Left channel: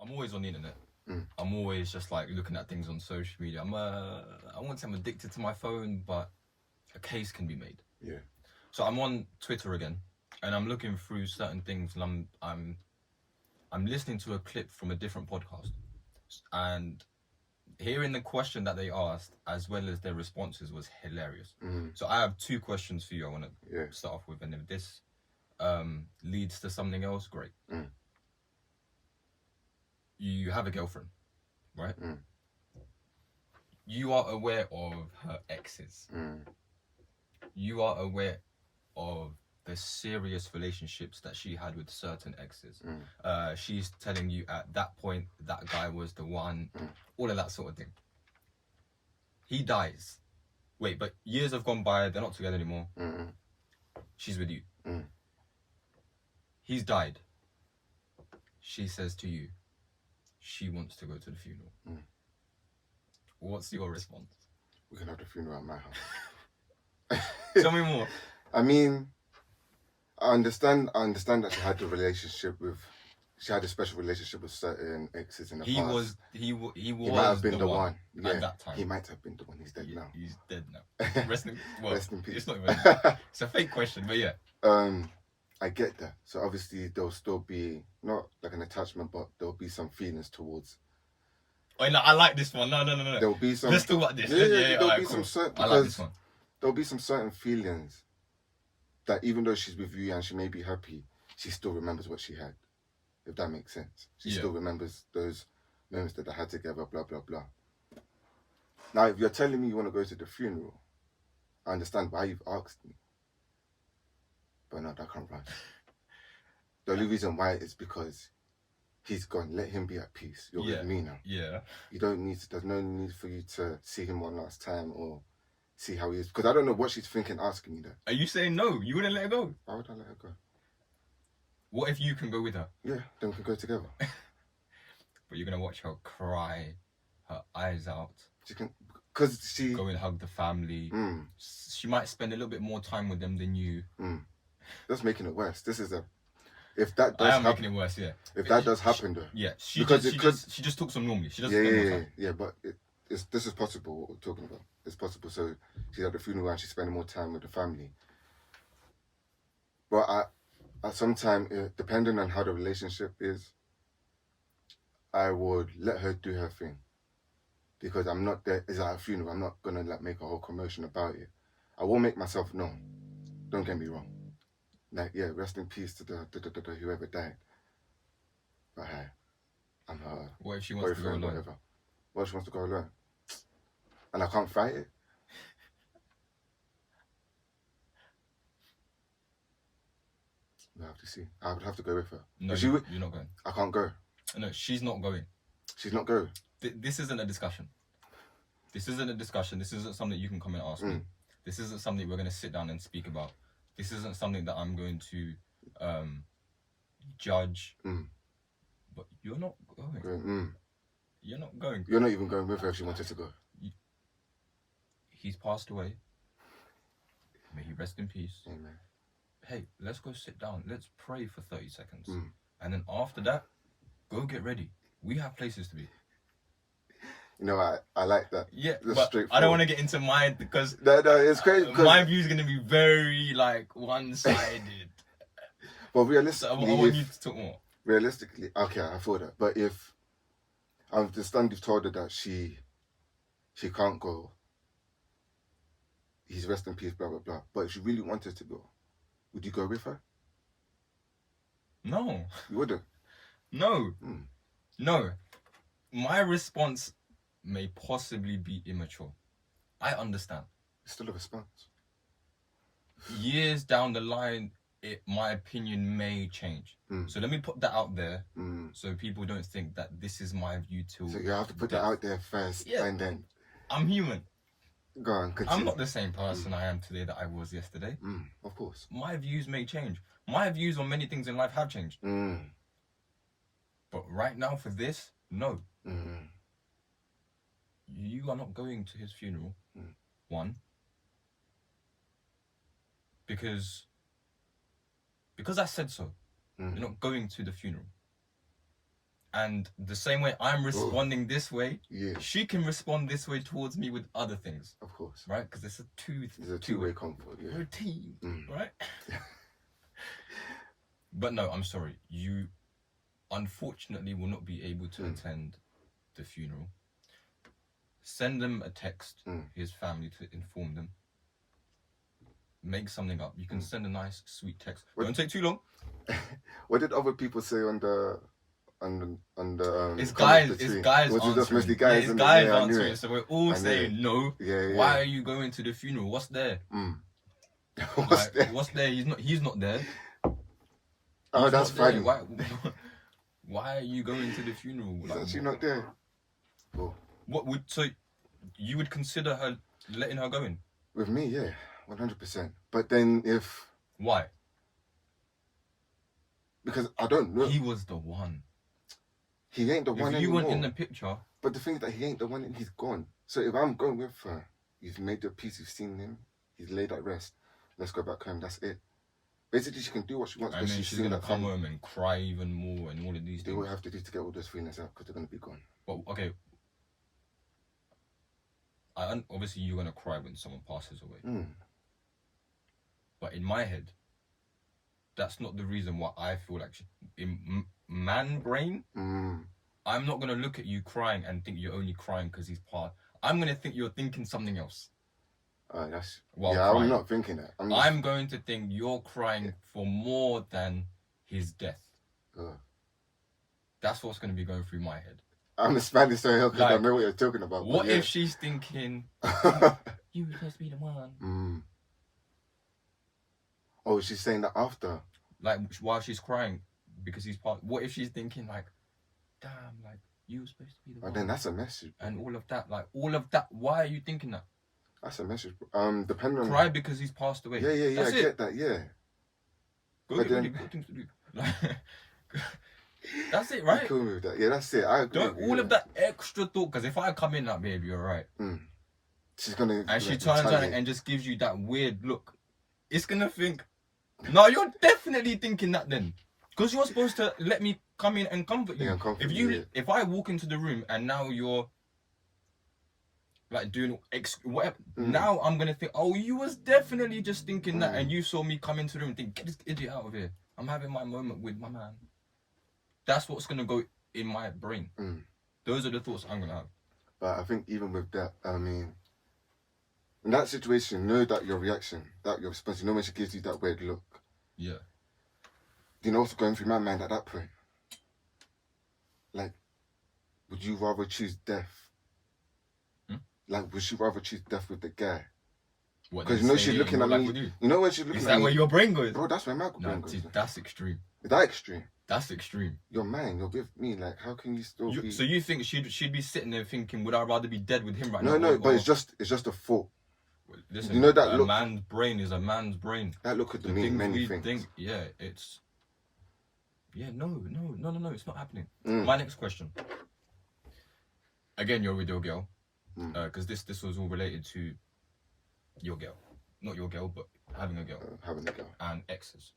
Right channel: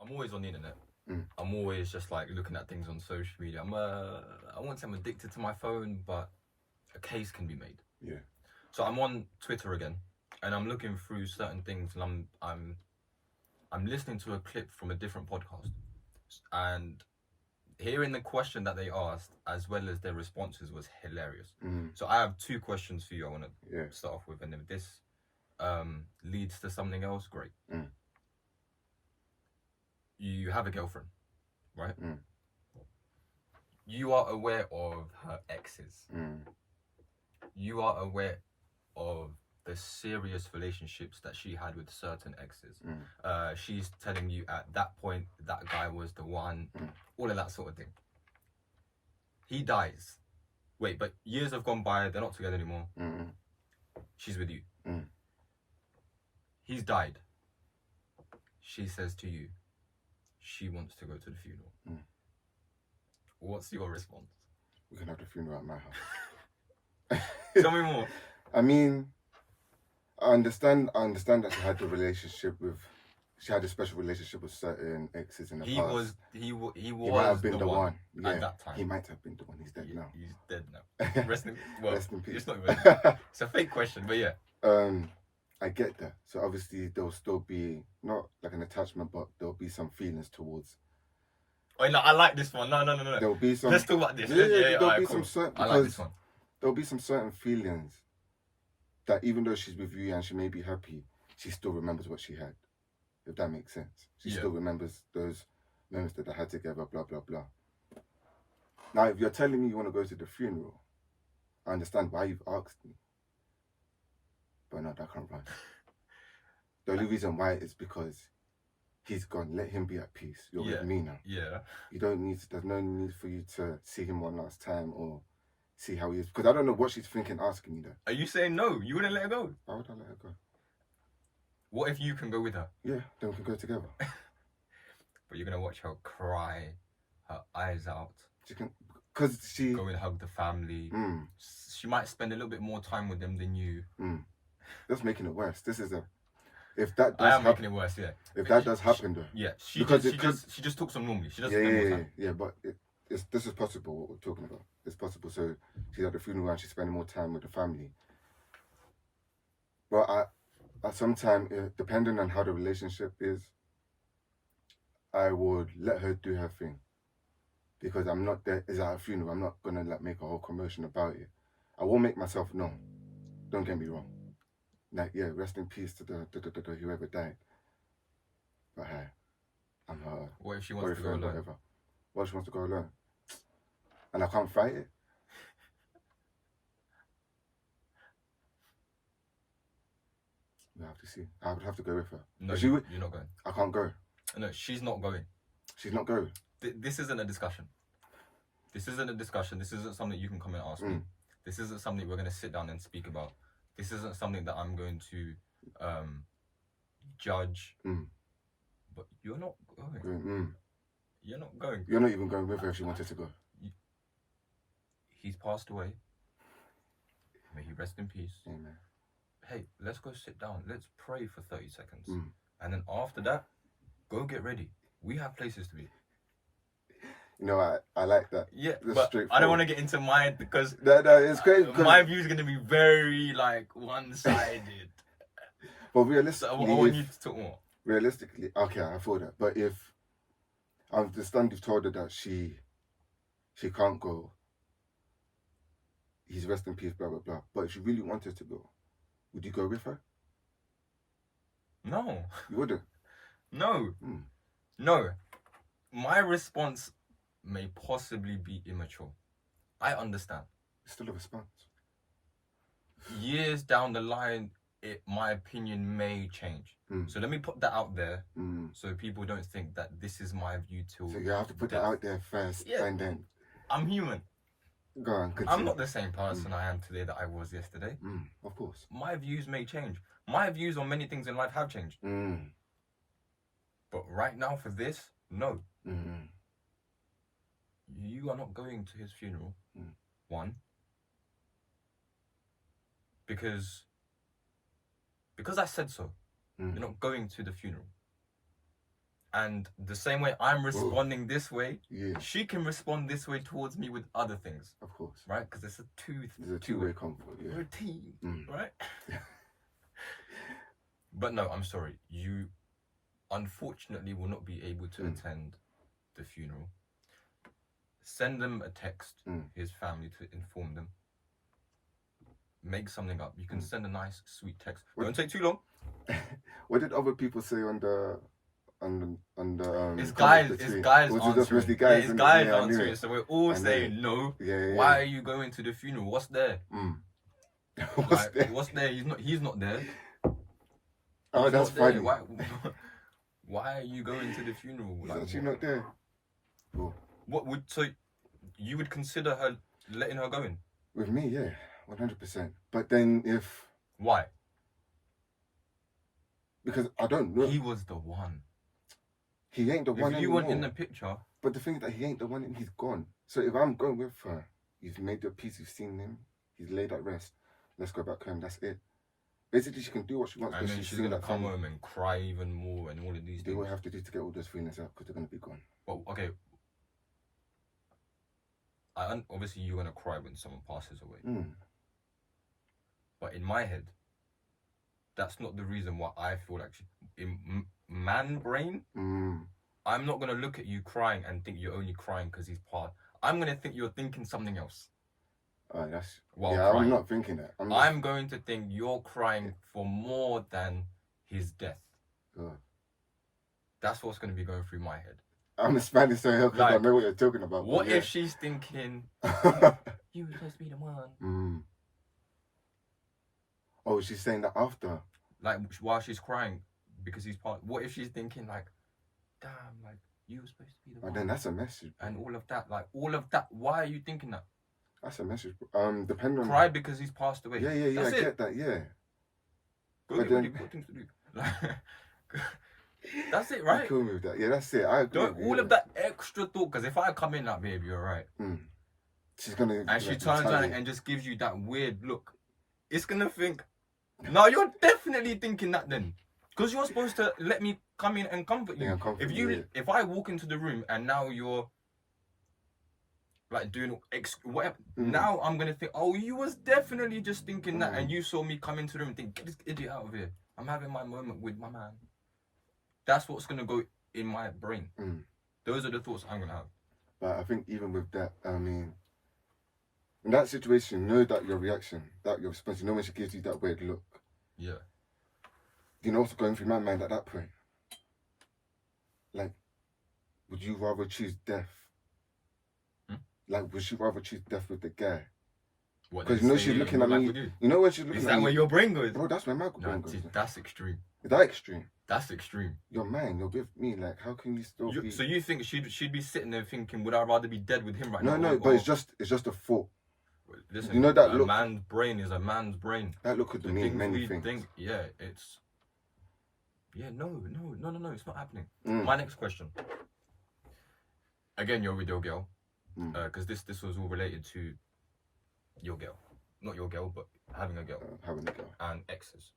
I'm always on the internet. Mm. I'm always just like looking at things on social media. I won't say I'm addicted to my phone, but a case can be made. Yeah. So I'm on Twitter again, and I'm looking through certain things, and I'm listening to a clip from a different podcast, and hearing the question that they asked as well as their responses was hilarious. Mm. So I have two questions for you. I want to Yeah. start off with, and if this leads to something else, great. Mm. You have a girlfriend, right? Mm. You are aware of her exes. Mm. You are aware of the serious relationships that she had with certain exes. She's telling you at that point that guy was the one, all of that sort of thing. He dies. Wait, but years have gone by, they're not together anymore. Mm. She's with you. Mm. He's died. She says to you, she wants to go to the funeral. Mm. What's your response? We can have the funeral at my house. Tell me more. I mean, I understand that she had she had a special relationship with certain exes in the past. He might have been the one. Yeah, at that time. He might have been the one. He's dead now. He's dead now. Rest in peace. It's not even. It's a fake question, but yeah. I get that. So obviously there'll still be not like an attachment, but there'll be some feelings towards. Oh, no, I like this one. No. There'll be some. Let's talk about this. There'll be some certain. I like this one. There'll be some certain feelings that even though she's with you and she may be happy, she still remembers what she had. If that makes sense. She still remembers those moments that they had together, blah, blah, blah. Now, if you're telling me you want to go to the funeral, I understand why you've asked me. But no, that can't run. The only reason why is because he's gone. Let him be at peace. You're with me now. Yeah. There's no need for you to see him one last time or see how he is. Because I don't know what she's thinking asking me that. Are you saying no? You wouldn't let her go? Why would I let her go? What if you can go with her? Yeah, then we can go together. But you're going to watch her cry her eyes out. She can, because she... Go and hug the family. She might spend a little bit more time with them than you. That's making it worse. This is a... If that does happen... making it worse, yeah. If that does happen, though. Yeah, she just talks them normally. She doesn't spend more time. Yeah, but this is possible, what we're talking about. It's possible. So she's at the funeral and she's spending more time with the family. But at some time, depending on how the relationship is, I would let her do her thing. Because I'm not there, it's at a funeral, I'm not going to like make a whole commotion about it. I will make myself known. Don't get me wrong. Like, yeah, rest in peace to the whoever died. But hey, I'm her. What if she wants to go alone? Whatever. What if she wants to go alone? And I can't fight it? I have to see. I would have to go with her. No, you're not going. I can't go. No, she's not going. She's not going. This isn't a discussion. This isn't a discussion. This isn't something you can come and ask me. This isn't something we're going to sit down and speak about. This isn't something that I'm going to judge. But you're not going. You're not going. You're not even going with her if she wanted to go. He's passed away. May he rest in peace. Amen. Hey, let's go sit down. Let's pray for 30 seconds. And then after that, go get ready. We have places to be. You know, I like that. Yeah, but I don't want to get into mine because no, it's crazy. My view is going to be very like one-sided. But realistically, so I want you to talk more. Realistically, okay, I feel that. But if I understand, you've told her that she can't go. He's rest in peace, blah blah blah. But if she really wanted to go, would you go with her? No. You wouldn't? No. No. My response may possibly be immature. I understand. It's still a response. Years down the line, my opinion may change. So let me put that out there so people don't think that this is my view till... So you have to put that out there first and then... I'm human. Go on, continue. I'm not the same person I am today that I was yesterday. Of course. My views may change. My views on many things in life have changed. But right now for this, no. You are not going to his funeral. One. Because I said so. You're not going to the funeral. And the same way I'm responding this way, Yeah. she can respond this way towards me with other things. Of course. Right? Because it's a two-way comfort. Yeah. We're a team, right? But no, I'm sorry. You unfortunately will not be able to attend the funeral. Send them a text, his family, to inform them. Make something up. You can send a nice, sweet text. Don't take too long. What did other people say on the it's guys answering. Just mostly guys, it's guys answering. So we're all saying no. Yeah. Why are you going to the funeral? What's there? What's there? He's not there. Oh, that's funny. Why are you going to the funeral? He's actually not there. Cool. So you would consider her letting her go in? With me, yeah, 100%. But then why? Because I don't know. He was the one. He ain't the one If you anymore. weren't in the picture. But the thing is that he ain't the one and he's gone. So if I'm going with her, you've made your peace, you've seen him, he's laid at rest. Let's go back home, that's it. Basically, she can do what she wants. And then she's going to come home and cry even more and all of these things. Do what I have to do to get all those feelings out because they're going to be gone. Well, okay. Obviously, you're going to cry when someone passes away. But in my head, that's not the reason why I feel like in man brain, I'm not going to look at you crying and think you're only crying because he's passed. I'm going to think you're thinking something else. Crying. I'm not thinking that. I'm going to think you're crying for more than his death. That's what's going to be going through my head. I'm a Spanish, so because I know what you're talking about. What if she's thinking, you were supposed to be the one? Oh, she's saying that after? Like, while she's crying because he's part. What if she's thinking, like, damn, like, you were supposed to be the one? Then that's a message. And all of that. Why are you thinking that? That's a message. Depending on... Cry because he's passed away. Yeah, I get that, yeah. Go get really good things to do. That's it, right? I'm cool with that. Yeah, that's it. I agree. Don't all of that extra thought, because if I come in like, babe, you're right. She's gonna... And she turns around and just gives you that weird look. It's gonna think, no, you're definitely thinking that then. Because you're supposed to let me come in and comfort you. If I walk into the room and now you're like doing whatever, now I'm gonna think, oh, you was definitely just thinking that, and you saw me come into the room and think, get this idiot out of here. I'm having my moment with my man. That's what's gonna go in my brain. Those are the thoughts I'm gonna have. But I think even with that, I mean, in that situation, know that your reaction, that your response, you know when she gives you that weird look. Yeah. You know what's going through my mind at that point? Like, would you rather choose death? Like, would you rather choose death with the guy? Because you know she's looking at me. You know when she's looking at me. Is that where your brain goes? Bro, that's where my brain goes. That's extreme. Is that extreme? That's extreme. You're mine. You're with me. Like, how can you still be... So you think she'd be sitting there thinking, would I rather be dead with him right now? No, but it's just a thought. Listen, you know that a man's brain is a man's brain. That look could mean many things. No, it's not happening. My next question. Again, you're with your girl. Because this was all related to your girl. Not your girl, but having a girl. And exes.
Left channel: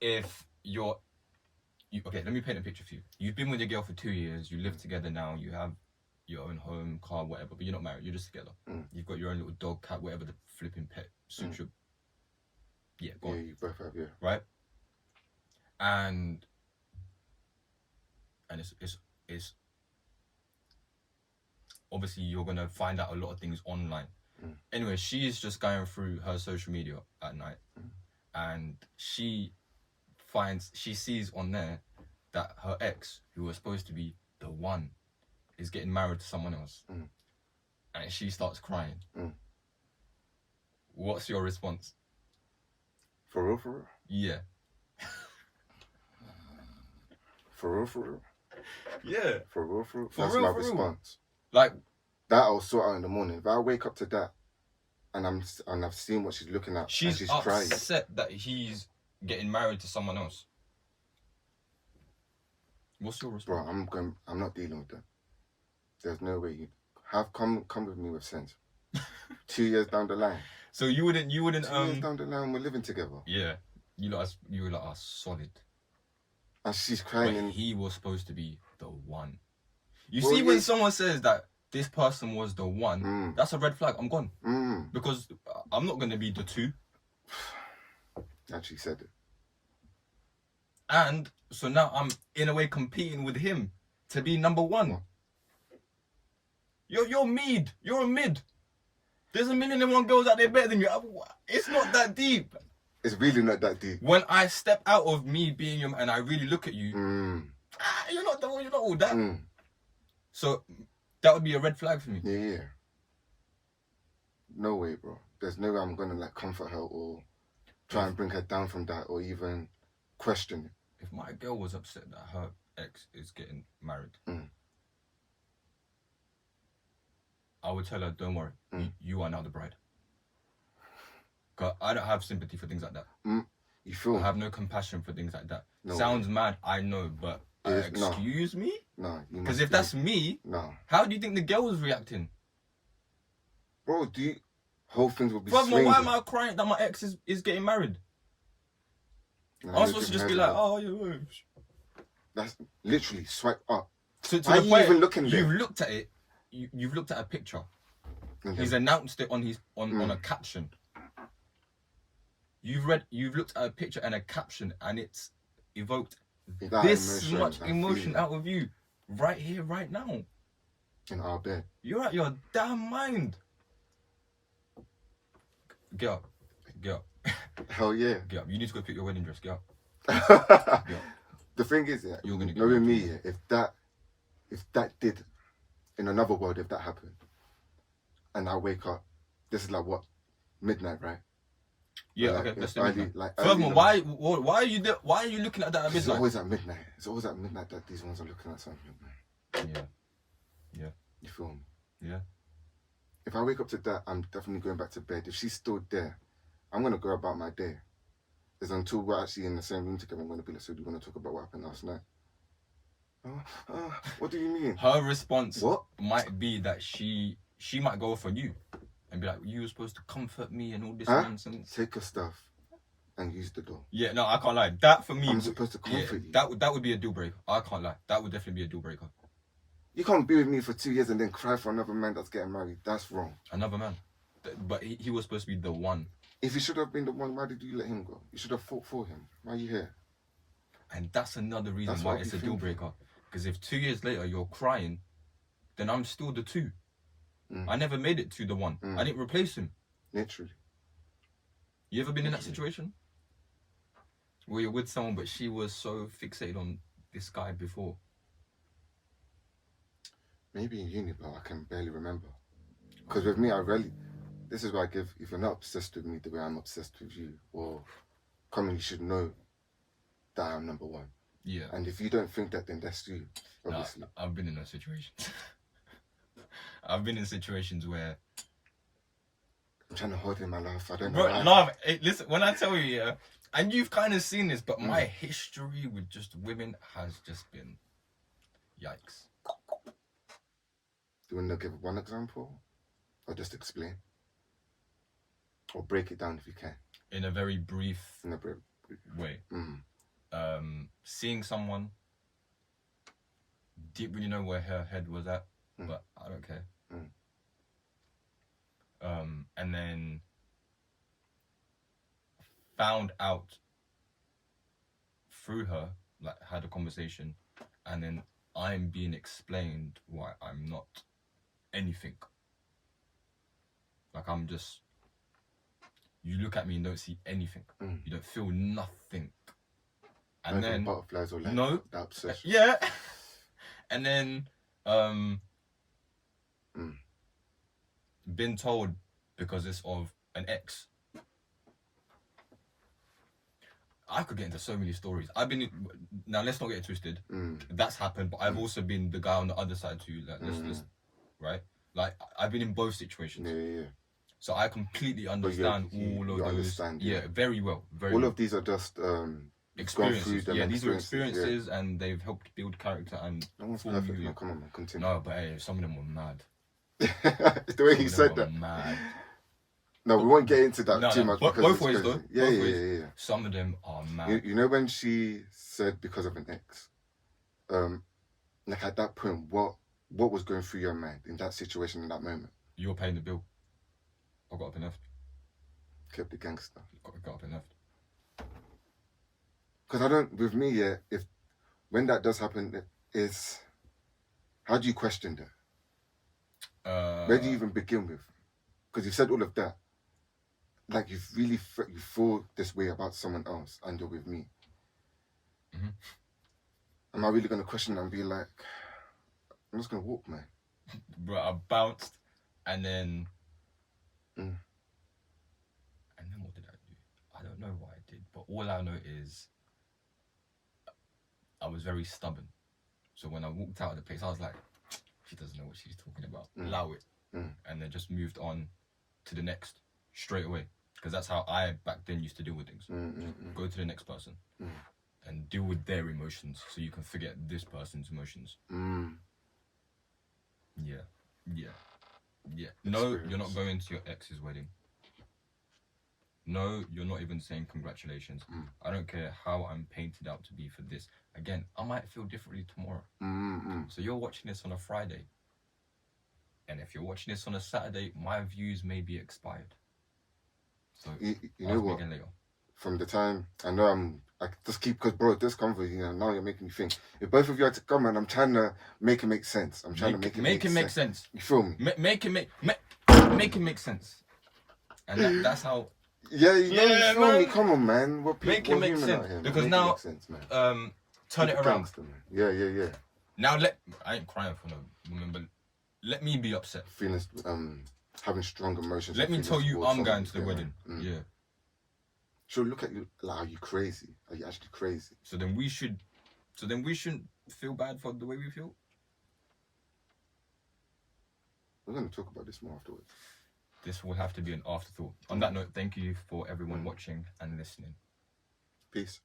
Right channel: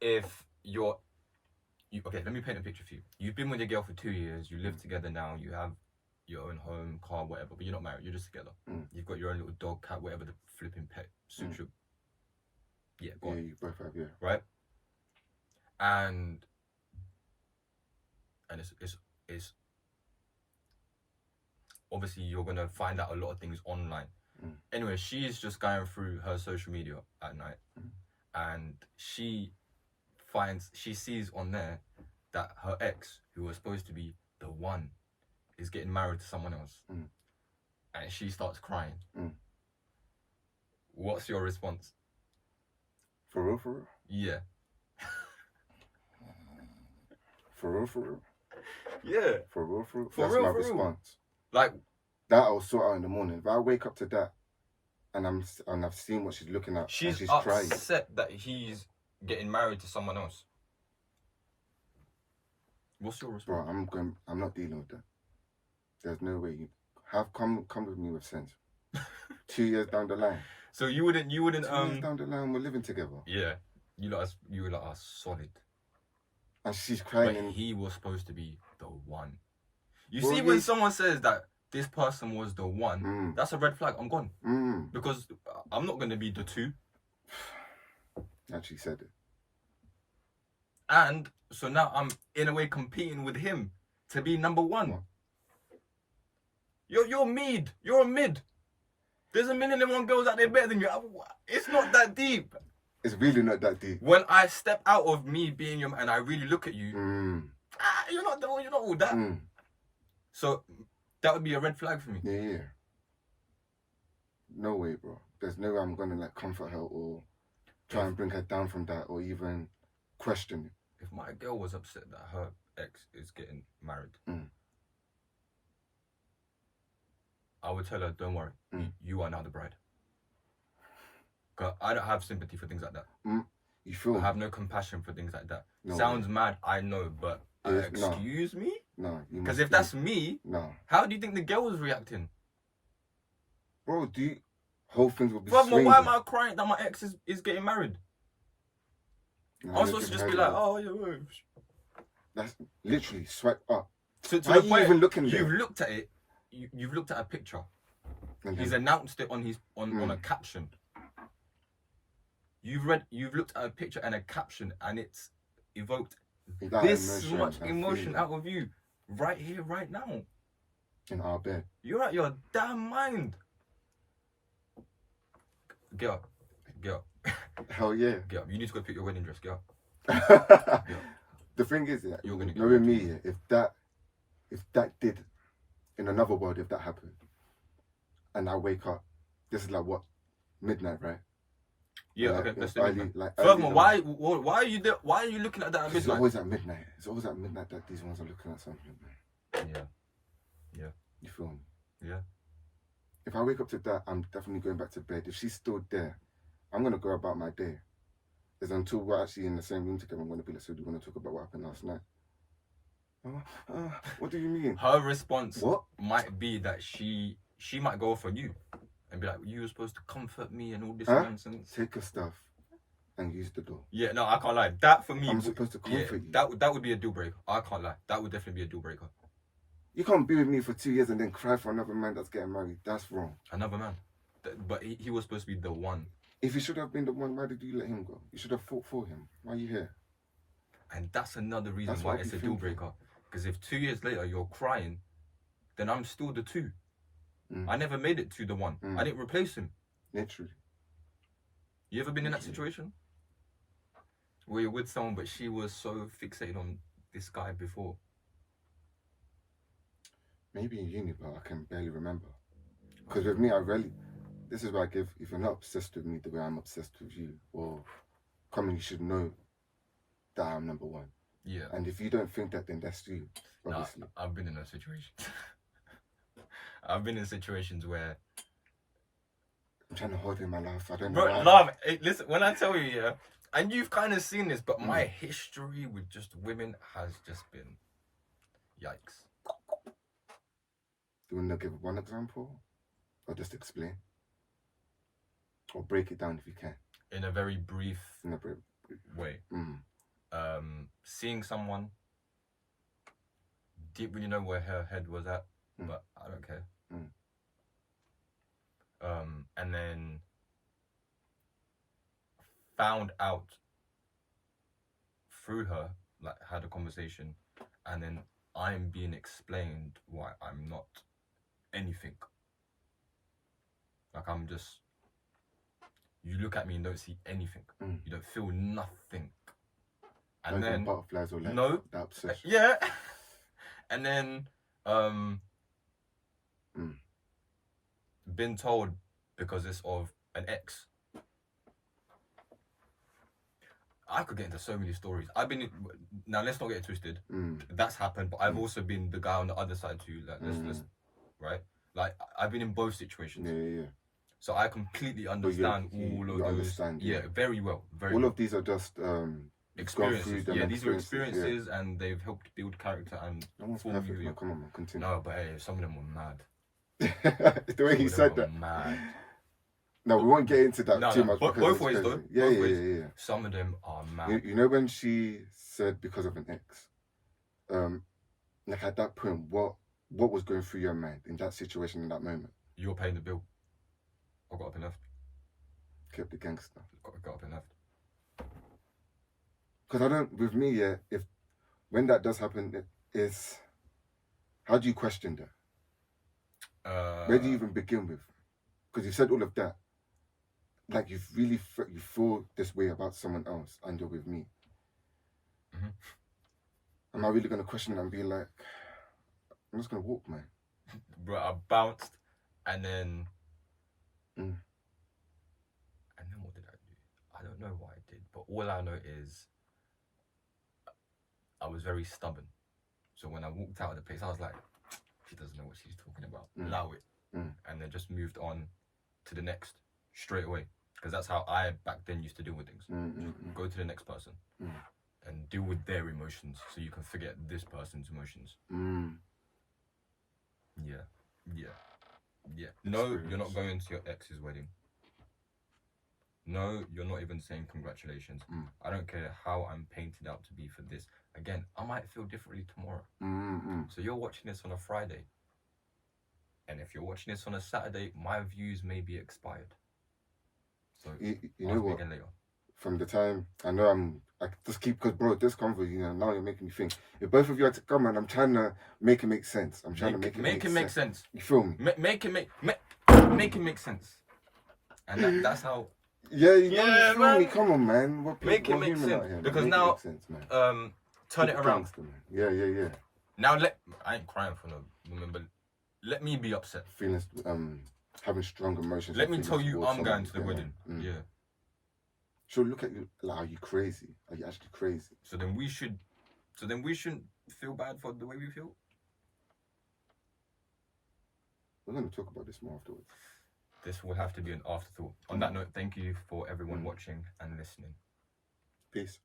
If okay, let me paint a picture for you. You've been with your girl for 2 years. You live together now. You have your own home, car, whatever. But you're not married. You're just together. You've got your own little dog, cat, whatever the flipping pet suits you. Yeah, go on. Yeah, you both have, yeah. Right? And it's obviously you're gonna find out a lot of things online. Anyway, she's just going through her social media at night, and she sees on there that her ex, who was supposed to be the one, is getting married to someone else, and she starts crying. What's your response? For real? Yeah. For real? Yeah. For real? That's my response. Like, that I'll sort out in the morning. If I wake up to that and I've seen what she's looking at, she's and upset crying, that he's getting married to someone else. What's your response? Bro, I'm not dealing with that. There's no way. Come with me with sense. 2 years down the line. So you wouldn't 2 years down the line, we're living together. Yeah. You were like solid. And she's crying. But he was supposed to be the one. You Well, see, when yes. someone says that this person was the one, that's a red flag. I'm gone. Because I'm not going to be the two. Actually said it. And so now I'm, in a way, competing with him to be number one. What? You're mid. You're a mid. There's 1,000,001 girls out there better than you. It's not that deep. It's really not that deep. When I step out of me being your man and I really look at you, you're not all that. So that would be a red flag for me. Yeah. No way, bro. There's no way I'm gonna like comfort her or try and bring her down from that or even question it. If my girl was upset that her ex is getting married, I would tell her, don't worry, you are now the bride. Because I don't have sympathy for things like that. You feel? I have no compassion for things like that. No Sounds mad, I know, but excuse me? No. Because if that's me, how do you think the girl was reacting? Bro, whole things would be Brother, why am I crying that my ex is getting married? No, I'm supposed to just be like, oh, yeah. That's literally swipe up. To why the are you point, even looking there? you've looked at it, you've looked at a picture. He's announced it on on a caption. You've looked at a picture and a caption, and it's evoked this much emotion out of you right here, right now. In our bed. You're out your damn mind. Get up. Hell yeah. Get up. You need to go pick your wedding dress. Get up. The thing is, you're gonna get knowing me, if that did, in another world, if that happened, and I wake up, this is like what, midnight, right? Yeah, like, okay, let's do midnight. Like, furthermore, why are you there? Why are you looking at that at midnight? It's always at midnight. It's always at midnight that these ones are looking at something, man. Yeah. You feel me? Yeah. If I wake up to that, I'm definitely going back to bed. If she's still there, I'm gonna go about my day. It's until we're actually in the same room together, I'm gonna be like, so do you want to talk about what happened last night? What do you mean? Her response might be that she might go for you and be like, you were supposed to comfort me and all this nonsense. Take her stuff and use the door. Yeah, no, I can't lie. That for me, I'm supposed to comfort you. That would be a deal breaker. I can't lie. That would definitely be a deal breaker. You can't be with me for 2 years and then cry for another man that's getting married. That's wrong. Another man, but he was supposed to be the one. If he should have been the one, why did you let him go? You should have fought for him. Why are you here? And that's another reason why it's a deal breaker. Because if 2 years later you're crying, then I'm still the two. I never made it to the one. I didn't replace him. Literally. You ever been in that situation? Where you're with someone, but she was so fixated on this guy before? Maybe in uni, but I can barely remember. Because with me, this is why I give, if you're not obsessed with me the way I'm obsessed with you, or commonly you should know that I'm number one. Yeah. And if you don't think that, then that's you, obviously. No, I've been in those situations. I've been in situations where I'm trying to hold in my laugh. I don't know. Bro, love, listen, when I tell you, and you've kind of seen this, but my history with just women has just been yikes. Do you want to give one example? Or just explain? Or break it down if you can. In a very brief way. Seeing someone, didn't really know where her head was at, but I don't care. And then found out through her, like had a conversation, and then I'm being explained why I'm not anything. Like I'm just, you look at me and don't see anything. You don't feel nothing. And then butterflies or like that obsession. Yeah. And then been told because it's of an ex. I could get into so many stories. Now let's not get it twisted. That's happened, but I've also been the guy on the other side too. Like let's right? Like I've been in both situations. Yeah. So I completely understand all of those. Understand, yeah, very well. All of these are just experiences. Yeah, these are experiences, and they've helped build character and form you. No, come on, man, continue. No, but hey, some of them were mad. It's the way he said that. Mad. No, we won't get into that too much. Both ways, though. Yeah. Some of them are mad. You know when she said because of an ex, Like at that point, what was going through your mind in that situation in that moment? You're paying the bill. I got up and left. Kept the gangster. Got up and left. Because I don't, with me, yeah, if when that does happen, is how do you question that? Where do you even begin with? Because you said all of that. Like you feel this way about someone else and you're with me. Mm-hmm. Am I really going to question and be like, I'm just going to walk, man? Bro, I bounced and then... Mm. And then what did I do? I don't know what I did, but all I know is I was very stubborn. So when I walked out of the place, I was like, she doesn't know what she's talking about. Allow it. And then just moved on to the next straight away. Because that's how I back then used to deal with things. Go to the next person and deal with their emotions so you can forget this person's emotions. Yeah. No, you're not going to your ex's wedding. No, you're not even saying congratulations. I don't care how I'm painted out to be for this. Again, I might feel differently tomorrow. So you're watching this on a Friday. And if you're watching this on a Saturday, my views may be expired. So you I'll know what? begin later. From the time I know I just keep, because bro, this conversation, now you're making me think. If both of you had to come and I'm trying to make it make sense. I'm trying to make it make sense. You feel me? Make it make sense. And that's how. Yeah, you know, you feel man. me? Come on, man. Make it make sense. Because now, turn it around. Gangster, man. Yeah. Now I ain't crying for no woman, but let me be upset. Feelings, having strong emotions. Let me tell you, I'm going to the wedding. Yeah. So look at you. Like, are you crazy? Are you actually crazy? So then we shouldn't feel bad for the way we feel. We're going to talk about this more afterwards. This will have to be an afterthought. On that note, thank you for everyone watching and listening. Peace.